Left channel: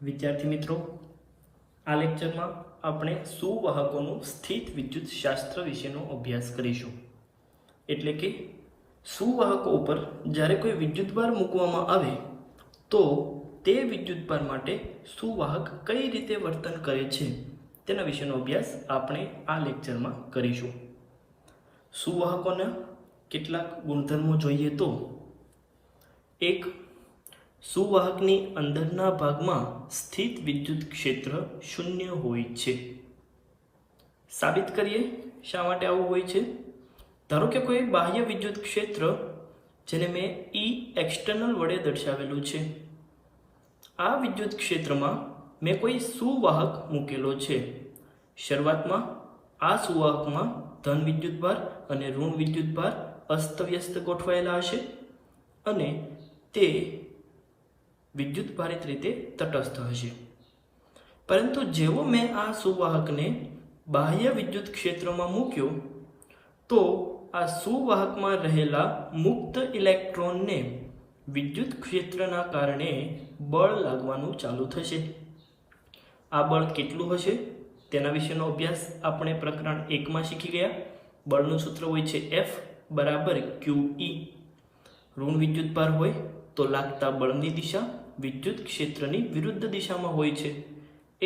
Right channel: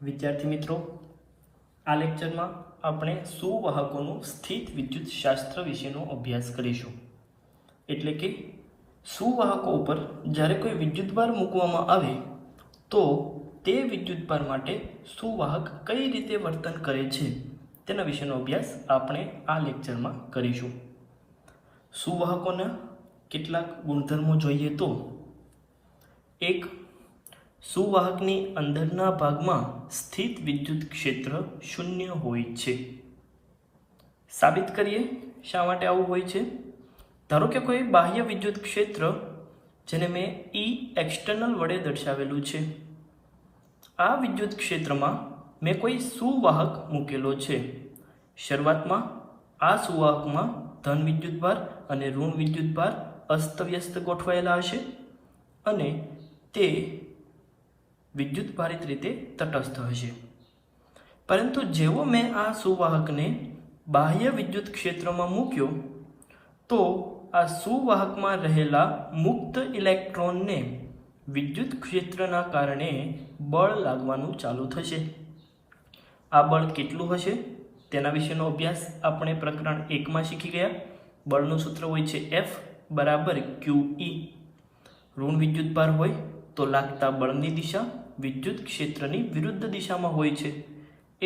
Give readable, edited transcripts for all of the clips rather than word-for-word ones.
વિદ્યાર્થી મિત્રો, આ લેક્ચરમાં આપણે સુવાહકોનું સ્થિત વિદ્યુત શાસ્ત્ર વિશેનો અભ્યાસ કરીશું. એટલે કે સુવાહકો ઉપર જ્યારે કોઈ વિદ્યુતભાર મૂકવામાં આવે તો તે વિદ્યુતભાર માટે સુવાહક કઈ રીતે વર્તન કરે છે તેના વિશેનો અભ્યાસ આપણે આ લેક્ચરમાં કરીશું. સુવાહકોના કેટલાક ગુણધર્મો જોઈએ તો, એક, સુવાહકની અંદરના ભાગમાં સ્થિત વિદ્યુત ક્ષેત્ર શૂન્ય હોય છે. સાબિત કરીએ શા માટે આવું હોય છે. ધારો કે કોઈ બાહ્ય વિદ્યુત ક્ષેત્ર જેને મેં E એક્સટર્નલ વડે દર્શાવેલું છે. આ વિદ્યુત ક્ષેત્રમાં મેં કોઈ સુવાહક મૂકેલો છે. શરૂઆતમાં આ સુવાહકમાં ધન વિદ્યુતભાર અને ઋણ વિદ્યુતભાર અસ્તવ્યસ્ત ગોઠવાયેલા હશે અને તે વિદ્યુતભારિત રીતે તટસ્થ હશે. પરંતુ જેવો મેં આ સુવાહકને બાહ્ય વિદ્યુત ક્ષેત્રમાં મૂક્યો તો આ સુવાહકમાં રહેલા મુક્ત ઇલેક્ટ્રોનને વિદ્યુત ક્ષેત્રના કારણે બળ લાગવાનું ચાલુ થશે. આ બળ કેટલું હશે તેના વિશેનો અભ્યાસ આપણે પ્રકરણ 1માં શીખી ગયા. બળનું સૂત્ર હોય છે F = QE. ઋણ વિદ્યુતભાર હોય તો લાગતા બળની દિશા વિદ્યુત ક્ષેત્રની વિરુદ્ધ દિશામાં હોય છે.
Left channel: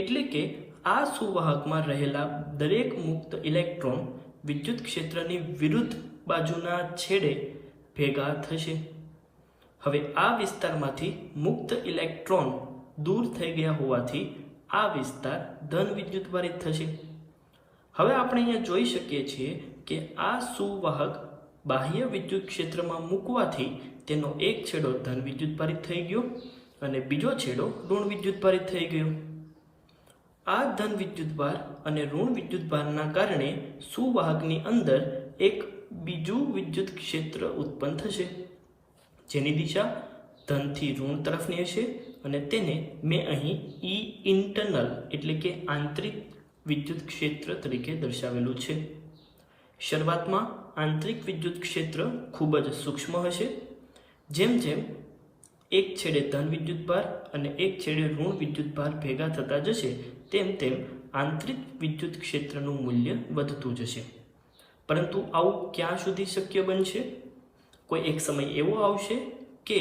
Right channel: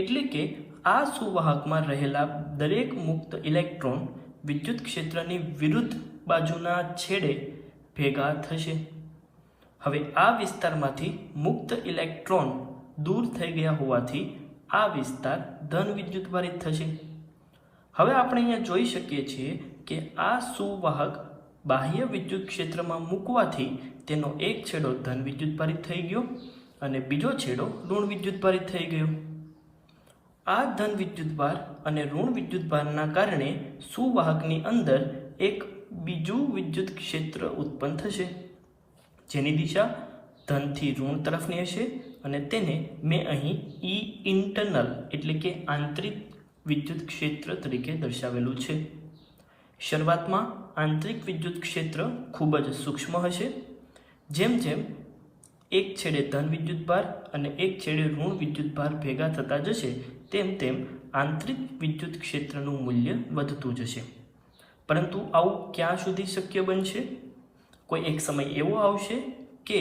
એટલે કે આ સુવાહકમાં રહેલા દરેક મુક્ત ઇલેક્ટ્રોન વિદ્યુત ક્ષેત્રની વિરુદ્ધ બાજુના છેડે ભેગા થશે. હવે આ વિસ્તારમાંથી મુક્ત ઇલેક્ટ્રોન દૂર થઈ ગયા હોવાથી આ વિસ્તાર ધન વિદ્યુતભારિત થશે. હવે આપણે અહીંયા જોઈ શકીએ છીએ કે આ સુવાહક બાહ્ય વિદ્યુત ક્ષેત્રમાં મૂકવાથી તેનો એક છેડો ધન વિદ્યુતભારિત થઈ ગયો અને બીજો છેડો ઋણ વિદ્યુતભારિત થઈ ગયો. આ ધન વિદ્યુતભાર અને ઋણ વિદ્યુતભારના કારણે સુવાહકની અંદર એક બીજું વિદ્યુત ક્ષેત્ર ઉત્પન્ન થશે જેની દિશા ધનથી ઋણ તરફની હશે અને તેને મેં અહીં E ઇન્ટરનલ એટલે કે આંતરિક વિદ્યુત ક્ષેત્ર તરીકે દર્શાવેલું છે. શરૂઆતમાં આંતરિક વિદ્યુત ક્ષેત્ર ખૂબ જ સૂક્ષ્મ હશે. જેમ જેમ એક છેડે ધન વિદ્યુતભાર અને એક છેડે ઋણ વિદ્યુતભાર ભેગા થતા જશે તેમ તેમ આંતરિક વિદ્યુત ક્ષેત્રનું મૂલ્ય વધતું જશે. પરંતુ આવું ક્યાં સુધી શક્ય બનશે? કોઈ એક સમય એવો આવશે કે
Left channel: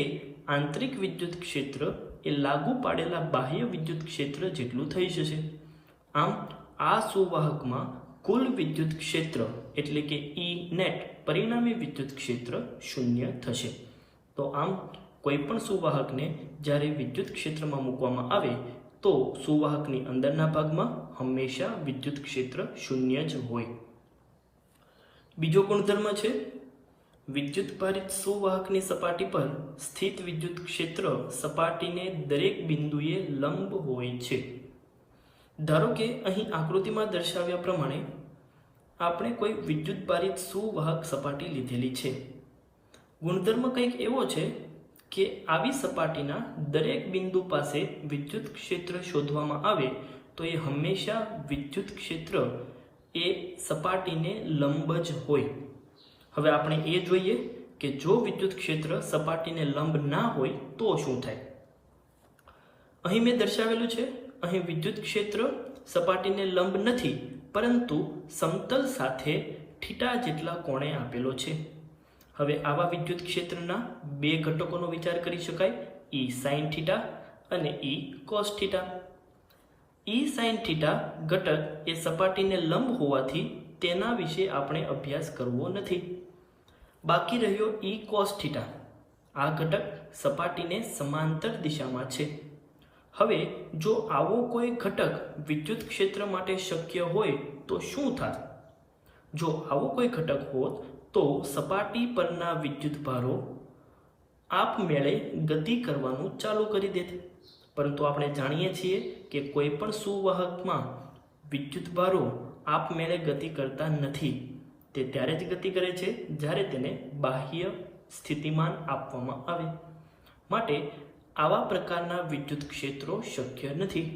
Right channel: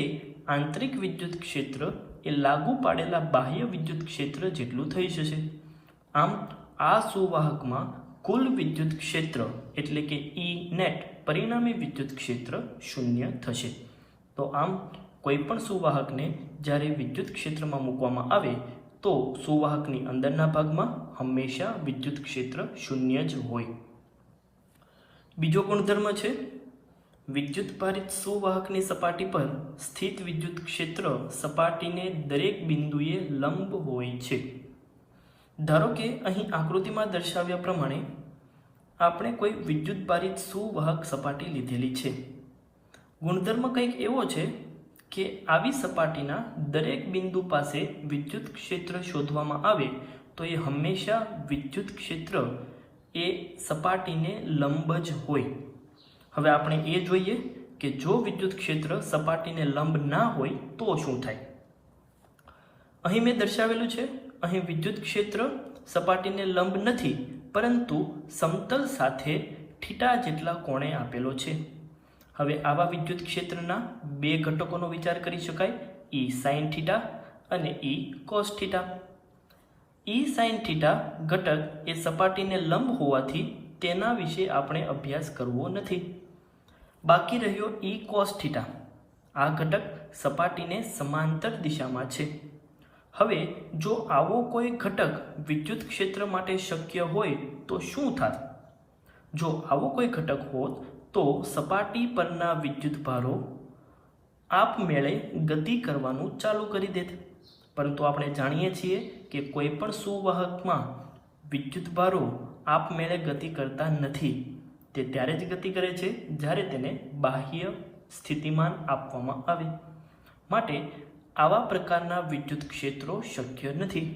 આંતરિક વિદ્યુત ક્ષેત્ર એ લાગુ પાડેલા બાહ્ય વિદ્યુત ક્ષેત્ર જેટલું થઈ જશે. આમ આ સુવાહકમાં કુલ વિદ્યુત ક્ષેત્ર એટલે કે E નેટ પરિણામી વિદ્યુત ક્ષેત્ર શૂન્ય થશે. તો આમ કોઈ પણ સુવાહકને જ્યારે વિદ્યુત ક્ષેત્રમાં મૂકવામાં આવે તો સુવાહકની અંદરના ભાગમાં હંમેશા વિદ્યુત ક્ષેત્ર શૂન્ય જ હોય. બીજો ગુણધર્મ છે, વિદ્યુતભારિત સુવાહકની સપાટી પર સ્થિત વિદ્યુત ક્ષેત્ર સપાટીને દરેક બિંદુએ લંબ હોય છે. ધારો કે અહીં આકૃતિમાં દર્શાવ્યા પ્રમાણે આપણે કોઈ વિદ્યુતભારિત સુવાહક સપાટી લીધેલી છે. ગુણધર્મ કંઈક એવો છે કે આવી સપાટીના દરેક બિંદુ પાસે વિદ્યુત ક્ષેત્ર શોધવામાં આવે તો એ હંમેશા વિદ્યુત ક્ષેત્ર એ સપાટીને લંબ જ હોય. હવે આપણે એ જોઈએ કે જો વિદ્યુત ક્ષેત્ર સપાટીને લંબ ના હોય તો શું થાય. અહીં મેં દર્શાવેલું છે, અહીં વિદ્યુત ક્ષેત્ર સપાટીને લંબ નથી પરંતુ સમતલ સાથે થીટા જેટલા કોણે આપેલો છે. હવે આવા વિદ્યુત ક્ષેત્રના બે ઘટકોનો વિચાર કરી શકાય, E sin θ અને E cos θ. E sin θ ઘટક એ સપાટીને લંબ હોવાથી તેના વિશે આપણે અભ્યાસ કરવો નથી. બાકી રહ્યો E cos θ. આ ઘટક સપાટીને સમાંતર દિશામાં છે. હવે જો આવો કોઈ ઘટક વિદ્યુત ક્ષેત્ર માટે શક્ય હોય તો શું થાય? જો આવો કોઈ ઘટક હોત તો સપાટી પરના વિદ્યુતભારો આપમેળે ગતિ કરવાનું ચાલુ કરી દેત. પરંતુ આપણે જાણીએ છીએ કે કોઈ પણ સુવાહકમાં વિદ્યુતભારો આપમેળે ગતિ કરતા નથી. તે ત્યારે જ ગતિ કરે છે જ્યારે તેને બાહ્ય સ્થિતિમાન આપવામાં આવે. માટે આવા પ્રકારના વિદ્યુત ક્ષેત્રો શક્ય નથી.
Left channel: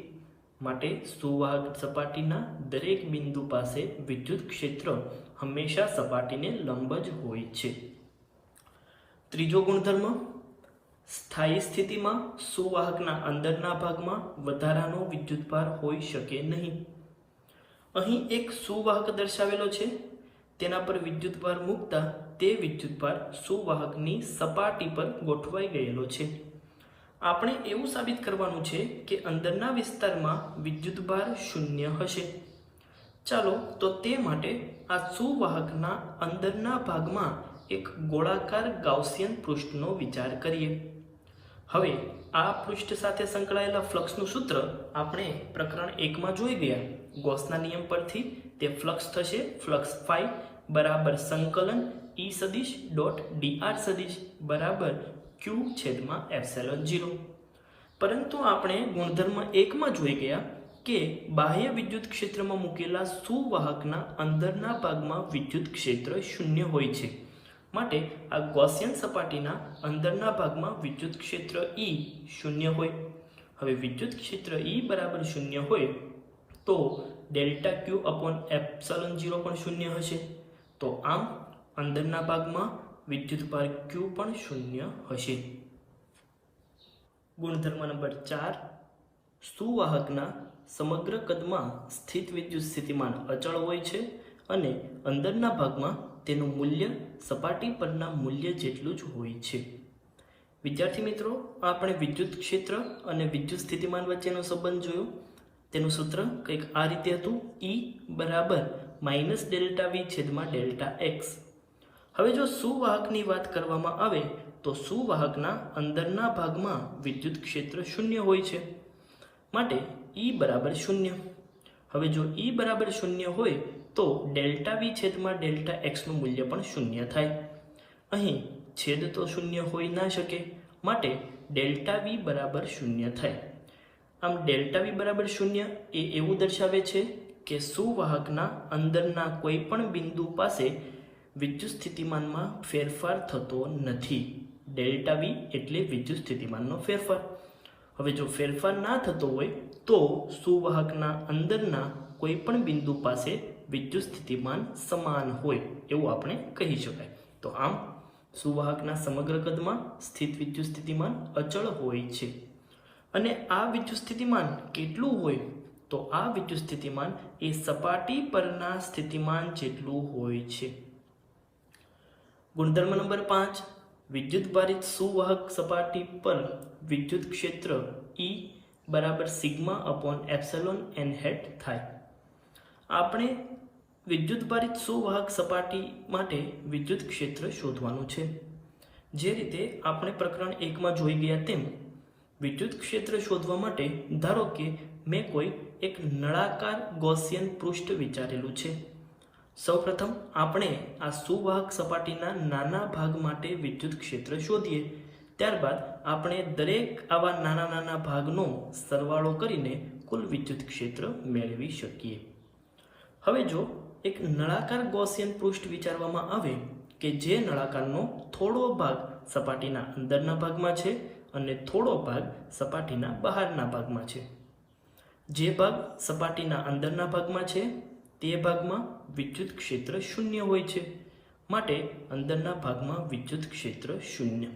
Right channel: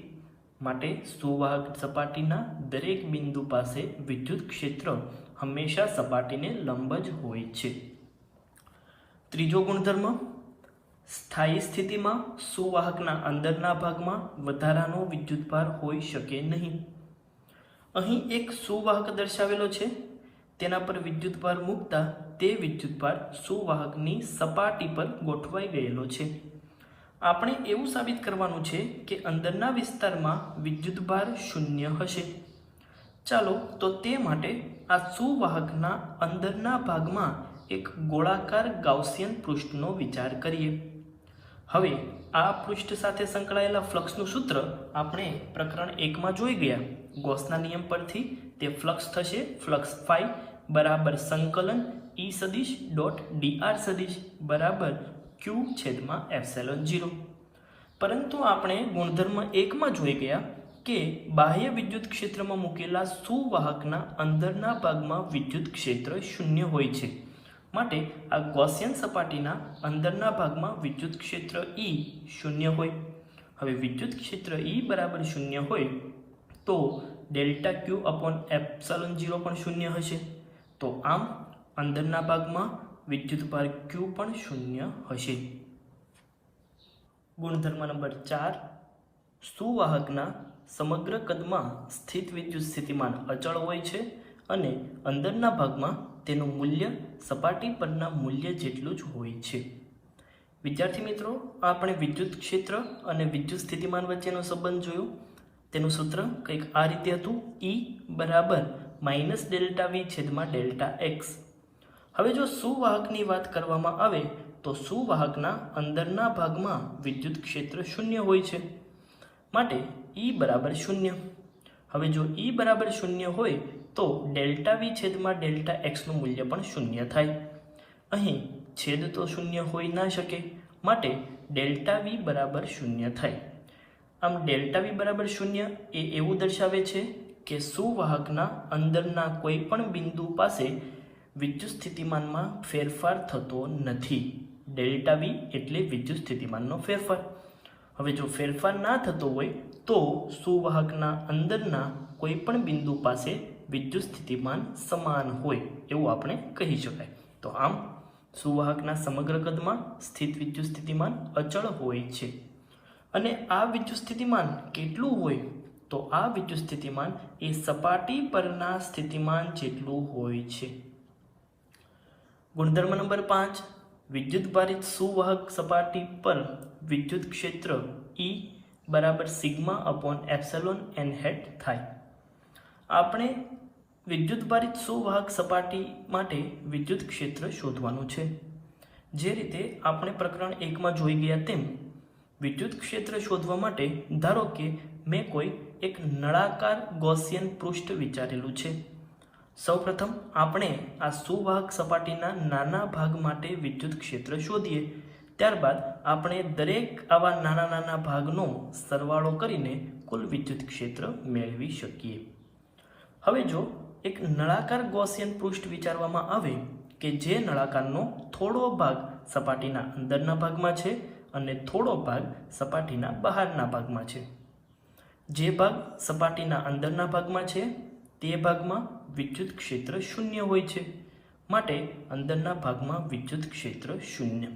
માટે સુવાહક સપાટીના દરેક બિંદુ પાસે વિદ્યુત ક્ષેત્ર હંમેશા સપાટીને લંબ જ હોય છે. ત્રીજો ગુણધર્મ, સ્થાયી સ્થિતિમાં સુવાહકના અંદરના ભાગમાં વધારાનો વિદ્યુતભાર હોઈ શકે નહીં. અહીં એક સુવાહક દર્શાવેલો છે, તેના પર વિદ્યુતભાર મૂકતા તે વિદ્યુતભાર સુવાહકની સપાટી પર ગોઠવાઈ ગયેલો છે. આપણે એવું સાબિત કરવાનું છે કે અંદરના વિસ્તારમાં વિદ્યુતભાર શૂન્ય હશે. ચાલો તો તે માટે આ સુવાહકના અંદરના ભાગમાં એક ગોળાકાર ગાઉસિયન પૃષ્ઠનો વિચાર કરીએ. હવે આ પૃષ્ઠ સાથે સંકળાયેલા ફ્લક્સનું સૂત્ર આપણે પ્રકરણ 1માં જોઈ ગયા. ગોસના નિયમ પરથી તે ફ્લક્સ થશે ફ્લક્સ ફાઈ બરાબર સંકલન E સદિશ ડોટ dr સદિશ બરાબર q છેદમાં એપ્સિલોન 0. પરંતુ આપણે ગુણધર્મ 1માં જોઈ ગયા કે બાહ્ય વિદ્યુત ક્ષેત્રમાં મૂકેલા સુવાહકના અંદરના ભાગમાં વિદ્યુત ક્ષેત્ર શૂન્ય હોય છે. માટે આ ગૌસિયન સપાટીના અંદરના ભાગમાં વિદ્યુત ક્ષેત્ર E શૂન્ય હોય. હવે વિદ્યુત ક્ષેત્ર E બરાબર શૂન્ય હોય તો ડેલ્ટા Q અપોન એપ્સિલોન 0 પણ શૂન્ય હશે. તો આમ અંદરના ભાગમાં વિદ્યુતભાર Q પણ શૂન્ય હશે. ગુણધર્મ નંબર 4, સુવાહકના સમગ્ર કદમાં સ્થિત વિદ્યુત સ્થિતિમાન અચળ હોય છે અને અંદરના ભાગમાં તેનું મૂલ્ય સપાટી પરના મૂલ્ય જેટલું જ હોય છે. વિદ્યાર્થી મિત્રો, આપણે વિદ્યુત ક્ષેત્ર અને વિદ્યુત સ્થિતિમાન વચ્ચેનો સંબંધ જોયો. તેનું સૂત્ર કંઈક આ રીતે હતું: E બરાબર માઇનસ ડેલ્ટા V છેદમાં ડેલ્ટા x. હવે જો સુવાહકની વાત કરવામાં આવે તો સુવાહકના અંદરના ભાગમાં વિદ્યુત ક્ષેત્ર શૂન્ય હોય છે. માટે E બરાબર શૂન્ય. હવે જો E બરાબર શૂન્ય હોય તો ડેલ્ટા V છેદમાં ડેલ્ટા x નું મૂલ્ય પણ શૂન્ય થાય. અહીં છેદ તો શૂન્ય હોઈ ના શકે, માટે ડેલ્ટા V બરાબર શૂન્ય થાય. આમ ડેલ્ટા V બરાબર શૂન્ય એ એવું દર્શાવે છે કે સુવાહકના અંદરના કોઈ પણ બિંદુ પાસે વિદ્યુત સ્થિતિમાનમાં ફેરફાર થતો નથી. ડેલ્ટા V એટલે વિદ્યુત સ્થિતિમાનનો ફેરફાર. હવે જો ફેરફાર ના થતો હોય તો સુવાહકના અંદરના કોઈ પણ બિંદુ પાસે વિદ્યુત સ્થિતિમાન સમાન હોય એવું આપણે કહી શકાય. તો આમ સુવાહકના સમગ્ર કદમાં સ્થિત વિદ્યુત સ્થિતિમાન અચળ હોય છે. અને આ વિદ્યુત સ્થિતિમાન કેટલું હોય તો આ વિદ્યુત સ્થિતિમાન એ સપાટી પરના સ્થિતિમાન જેટલું હોય છે. ગુણધર્મ નંબર 5, વિદ્યુત ભારિત સુવાહક સપાટી પર વિદ્યુત ક્ષેત્ર E બરાબર sigma upon epsilon n hat થાય. આપણે વિદ્યુત ભારિત સુવાહક સપાટી માટે વિદ્યુત ક્ષેત્ર શોધવાનું છે. જે રીતે આપણે પ્રકરણ 1માં જોઈ ગયા તેમ વિદ્યુત ક્ષેત્ર શોધવા માટે ધારો કે મેં કોઈ એક નળાકાર ગૌસિયન પૃષ્ઠ વિચારેલું છે. સૌપ્રથમ આપણે આ સુવાહક સપાટીના નાના ભાગ માટે વિદ્યુત ક્ષેત્ર શોધીએ. ત્યારબાદ આપણે દરેક આવા નાના ભાગનો સરવાળો કરીને કુલ વિદ્યુત ક્ષેત્ર મેળવી શકીએ. હવે જો એક નળાકાર ગૌસિયન પૃષ્ઠ વિચારવામાં આવે કે જે નળાકારનો થોડો ભાગ સપાટીના અંદરના ભાગમાં છે અને થોડો ભાગ સપાટીના બહારના ભાગમાં છે. જે ભાગ સપાટીના અંદરના ભાગમાં છે તે ભાગમાં વિદ્યુત ક્ષેત્ર શૂન્ય હોય છે. માટે અંદરના ભાગમાં વિદ્યુત ક્ષેત્ર શૂન્ય.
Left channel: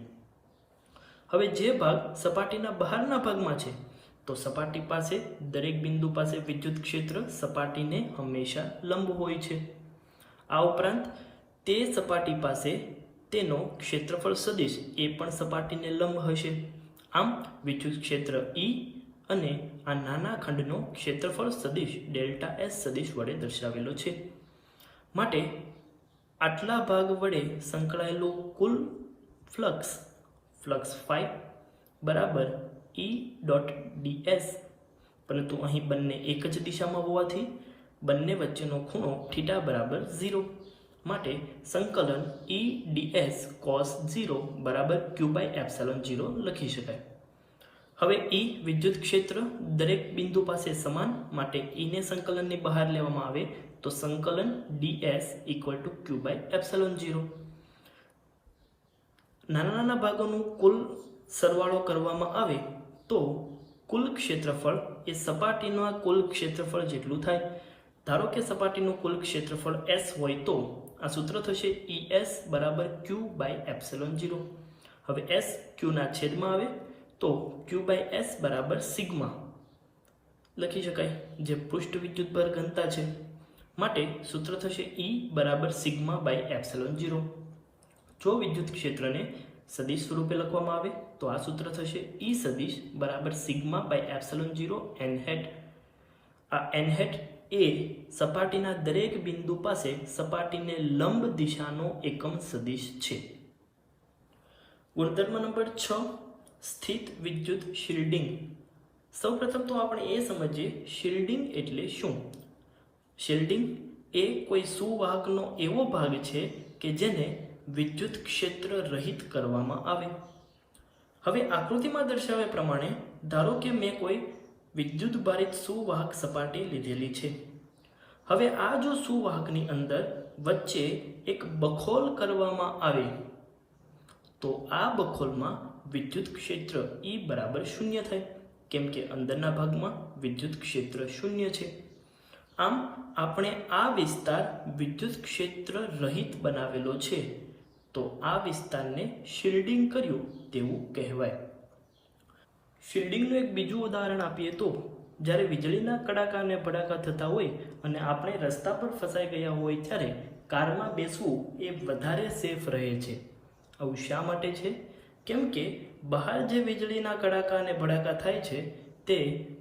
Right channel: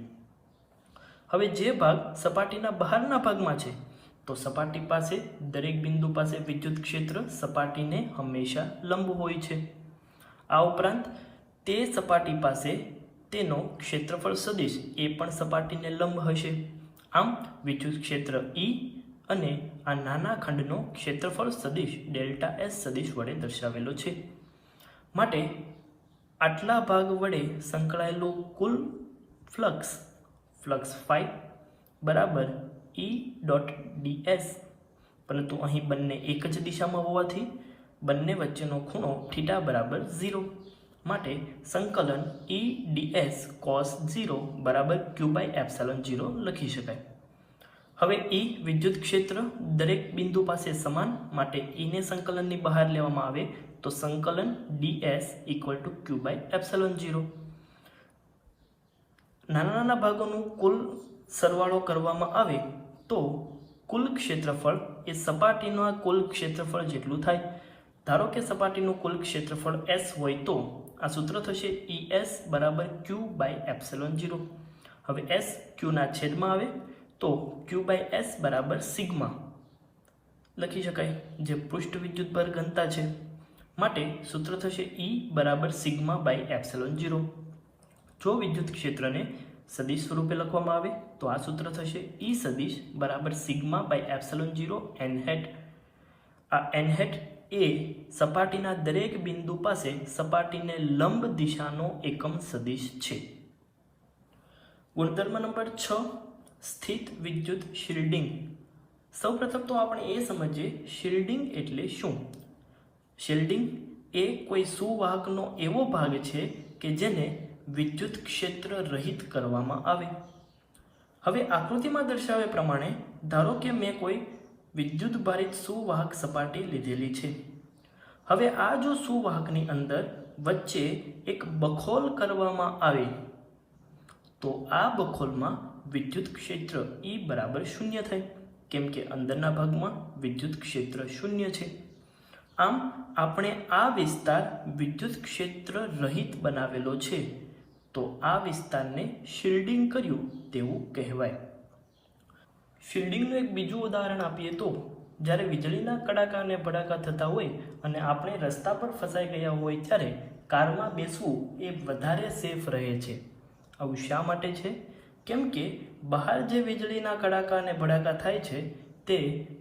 હવે જે ભાગ સપાટીના બહારના ભાગમાં છે તો સપાટી પાસે દરેક બિંદુ પાસે વિદ્યુત ક્ષેત્ર સપાટીને હંમેશા લંબ હોય છે. આ ઉપરાંત તે સપાટી પાસે તેનો ક્ષેત્રફળ સદિશ એ પણ સપાટીને લંબ હશે. આમ વિદ્યુત ક્ષેત્ર E અને આ નાના ખંડનો ક્ષેત્રફળ સદિશ ડેલ્ટા S સદિશ વડે દર્શાવેલો છે. માટે આટલા ભાગ વડે સંકળાયેલું કુલ ફ્લક્સ ફાઈ બરાબર E ડોટ ds, પરંતુ અહીં બંને એક જ દિશામાં હોવાથી બંને વચ્ચેનો ખૂણો થીટા બરાબર 0. માટે સંકલન E ds cos 0 બરાબર q બાય એપ્સિલોન 0 લખી શકાય. હવે E વિદ્યુત ક્ષેત્ર દરેક બિંદુ પાસે સમાન, માટે E ને સંકલનની બહાર લેવામાં આવે તો સંકલન ds equal to q by epsilon 0. નાના ભાગોનું કુલ સરવાળો કરવામાં આવે તો કુલ ક્ષેત્રફળ એ સપાટીના કુલ ક્ષેત્રફળ જેટલું થાય. ધારો કે સપાટીનું કુલ ક્ષેત્રફળ S હોય તો આ સૂત્ર થશે ES બરાબર q બાય એપ્સિલોન 0. હવે એસ ક્યુના છેદમાં આવે તો ક્યુ બાય એસ બરાબર સિગ્મા લખી શકાય, જે પૃષ્ઠ વિદ્યુતભાર ઘનતા છે. માટે સૂત્ર થશે E બરાબર સિગ્મા બાય એપ્સિલોન 0. જો વિદ્યુત ક્ષેત્રને સદિશ સ્વરૂપે લખવામાં આવે તો આ સૂત્ર થશે E સદિશ બરાબર sigma by epsilon 0 n hat. આ એન હેટ એ સપાટીના દરેક બિંદુ પાસે સપાટીને લંબ દિશાનો એકમ સદિશ છે. ગુણધર્મ નંબર 6, સ્થિત વિદ્યુત શિલ્ડિંગ. સૌપ્રથમ તો આપણે એ સમજીએ શિલ્ડિંગ એટલે શું. શિલ્ડિંગ એ કોઈ સુવાહકનો એવો ભાગ છે કે જેને વિદ્યુત ક્ષેત્ર રહિત કરવામાં આવે. હવે આકૃતિમાં દર્શાવ્યા પ્રમાણે ધારો કે મેં કોઈ વિદ્યુત ભારિત સુવાહક સપાટી લીધેલી છે. હવે આ જો સુવાહકની અંદર વચ્ચે એક બખોલ કરવામાં આવે તો આ બખોલમાં વિદ્યુત ક્ષેત્ર E બરાબર 0 થાય, કેમ કે અંદરના ભાગમાં વિદ્યુત ક્ષેત્ર 0 છે. આમ આપણે આ વિસ્તાર વિદ્યુત ક્ષેત્ર રહિત બનાવેલો છે, તો આ વિસ્તારને શિલ્ડિંગ કર્યું તેવું કહેવાય. શિલ્ડિંગનું એક બીજું ઉદાહરણ આપીએ તો જ્યારે વીજળીના કડાકા અને ભડાકા થતા હોય અને આપણે રસ્તા પર ફસાઈ ગયા હોય ત્યારે કારમાં બેસવું એ વધારે સેફ રહે છે. આવું શા માટે છે? કેમ કે બહાર જે વીજળીના કડાકા અને ભડાકા થાય છે તે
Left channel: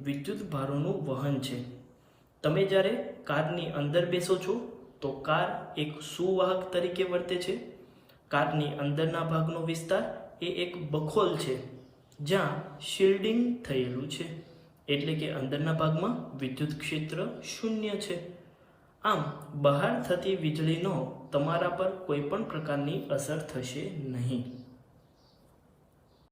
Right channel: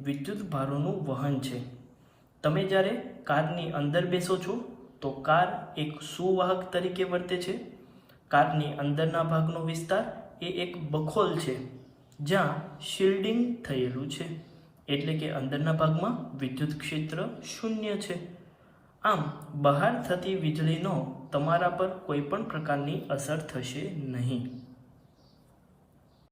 વિદ્યુત ભારોનું વહન છે. તમે જ્યારે કારની અંદર બેસો છો તો કાર એક સુવાહક તરીકે વર્તે છે. કારની અંદરના ભાગનો વિસ્તાર એ એક બખોલ છે જ્યાં શિલ્ડિંગ થયેલું છે, એટલે કે અંદરના ભાગમાં વિદ્યુત ક્ષેત્ર 0 છે. આમ બહાર થતી વીજળીનો તમારા પર કોઈ પણ પ્રકારની અસર થશે નહીં.